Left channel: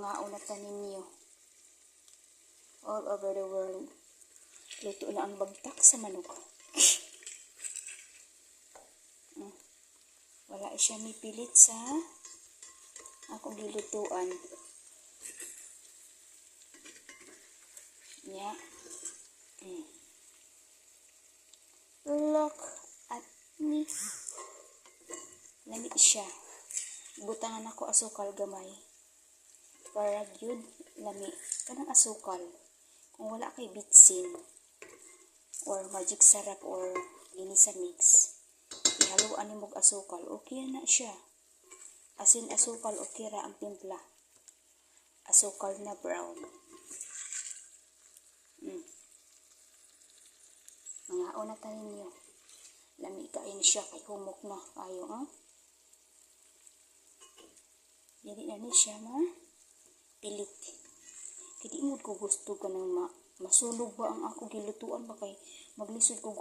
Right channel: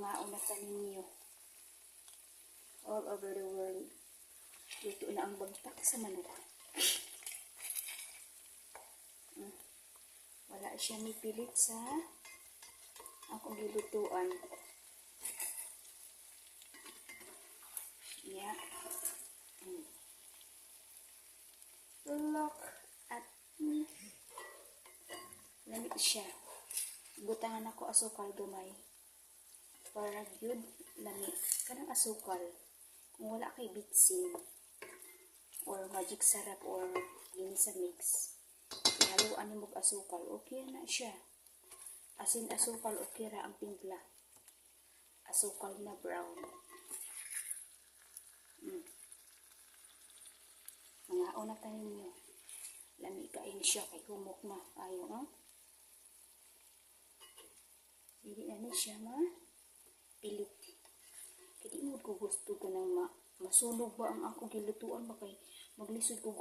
mga unatan ninyo all over the world. Luto na ang bagtak sa manok. Mm. Wala siya mipilit sa akong gilutuan. Yeah. Mm. Look at me. Lami siya. Butangan ako asukal gamay. Para gyud lami. Kanang asukal. Kung wala kay bitsin or magic sarap or ginisa mix. Ihaluan ni mog asukal. Okay na siya. Asin asukal okay ra ang timpla. Asukal na brown. Mm. Mga una tayo ninyo. Lami kain siya kay humok na kayo, ha? Dili na ni siya ma pilit. Kaya di mo ko gusto ka ng ma masunog ba ang ako gilutuan ba kay maglisod kog